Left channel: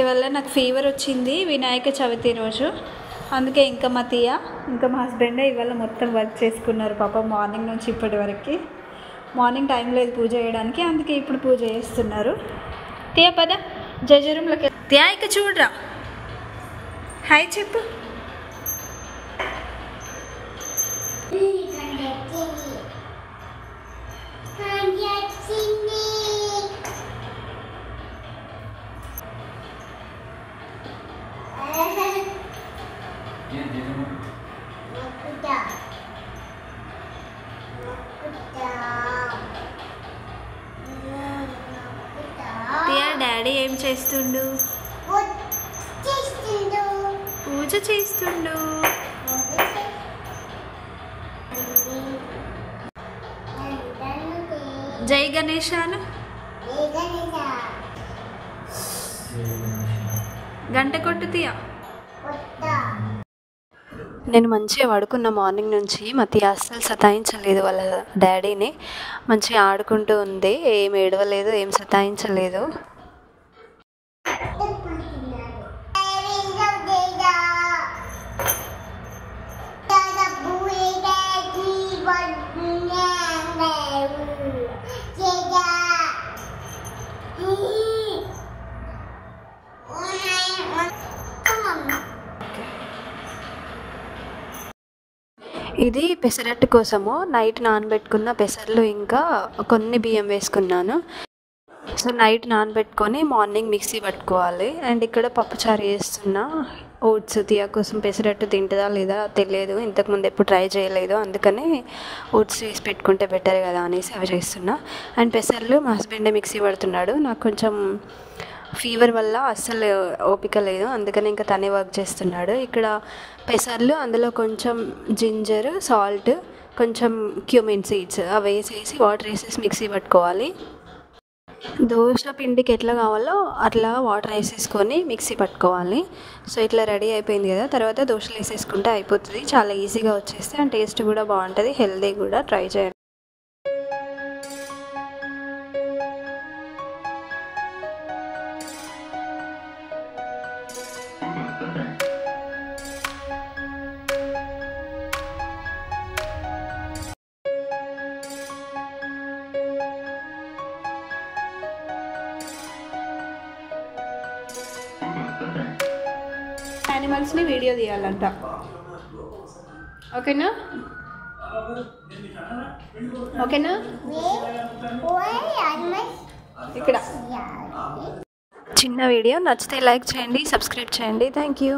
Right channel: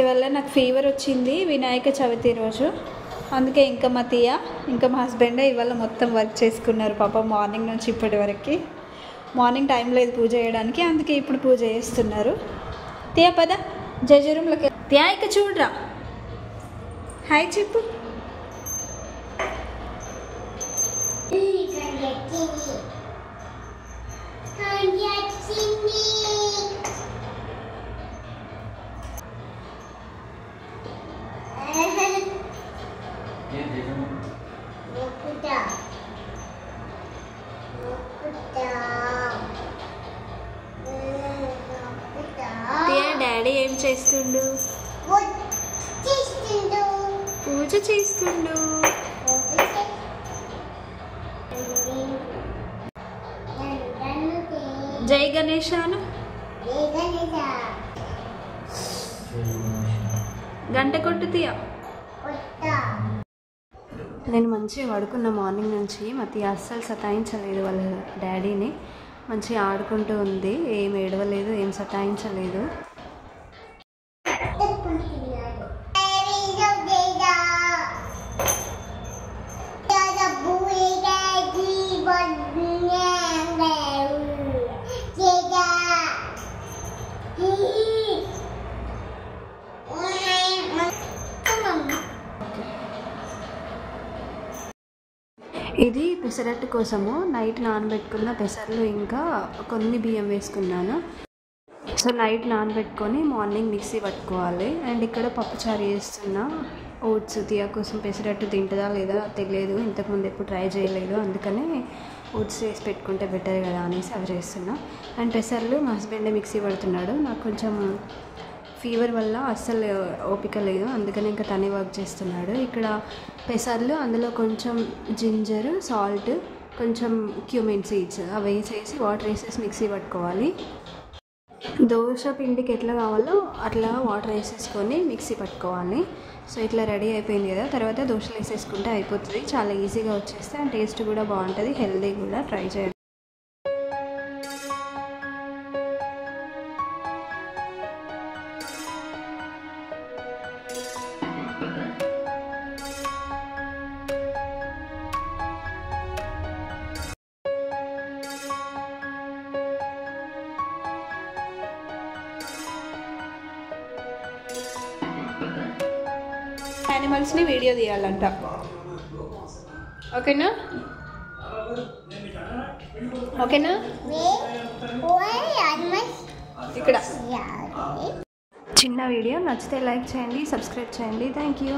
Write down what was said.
ఇవాళ నాకు ఫీవర్ వచ్చింది వినాయక చవితి రోజు, అందుకే ఇంకా మా తీయ ఇంకా మా హస్బెండ్ ఇవాళ మొత్తం వర్క్ చేసుకున్నారు పాప. మార్నింగ్ నుంచి ఇప్పటి వరకు మార్నింగ్ టైం లేదు పూజ చేయడానికి, అందుకే ఇప్పుడు పూజ చేస్తున్నారు. తీయ పద జజరూమ్లోకి. తీయ ఇక చూడరా, హాయ్ చెప్పు. డాడీ ఏం చేస్తుండు? పూజ చేస్తుండు. జై గణేశాను. గంట కొట్టు తీయ. నేను మంచిగా పడుకున్న మార్నింగ్ నుంచి మతి అస్సలు సతాయించలేదు వాళ్ళ డాడీని. మంచిగా ఆడుకుంటూ ఉంది, ఏం ఏడవలేదు, ఏం సతాయించలేదు. ఇది పెసరట్టు కోసము నైట్ నానబెట్టుకున్న పెసర్లు ఇంకా కొన్ని బియ్యం వేసుకున్నాను. సో నైట్ నానబెట్టుకొని మార్నింగ్ మిక్సీ పట్టుకోవాలి. అండ్ ఇక్కడ పప్పుచారు చేస్తున్నా. ఓట్స్ తీయ కోసం పెసరట్టు తింటుందా లేదా తెలియదు, ఇంతకుముందు ఎప్పుడు ట్రై చేయలేదు, అందుకని ఓట్స్ చేసి పెట్టుకుంటే బెటర్ కదా అనేసి అవి చేస్తున్నా. అండ్ పెసర్లు మా హస్బెండే మిక్సీ పడుతున్నాడు. నాకు కొంచెం ఫీవర్ వల్ల అస్సలు ఓపిక లేదు, అందుకని ఇంకా తనే వర్క్ చేస్తున్నాడు. ఇక్కడ పెసర్లు, అందులో కొంచెం జింజర్, సాల్ట్, కొంచెం క్యూమిన్ సీడ్స్ అవి వేసేసి వాటర్ వేసేసి మిక్సీ పట్టుకోవాలి. దోశ పిండికి ఎట్లా కావాలో అట్లా వాటర్ వేసేసుకొని మిక్సీ పట్టుకోవాలి. సో ఇట్లా రెడీ అయిపోయింది కదా, తర్వాత దోశలు వేసేసుకుంటే అయిపోతుంది. చాలా ఈజీగా వచ్చేస్తే అండ్ టేస్ట్ కూడా బాగుంటుంది, హెల్దీ కూడా. ట్రై చేయండి. యానిమల్స్ని వీడియో తీయాలంట, ఓకేనా? ఓకేనా? ఇక్కడ చిన్న వీడియో నచ్చితే లైక్ చేయండి, సబ్స్క్రైబ్ చేయండి. Thank you.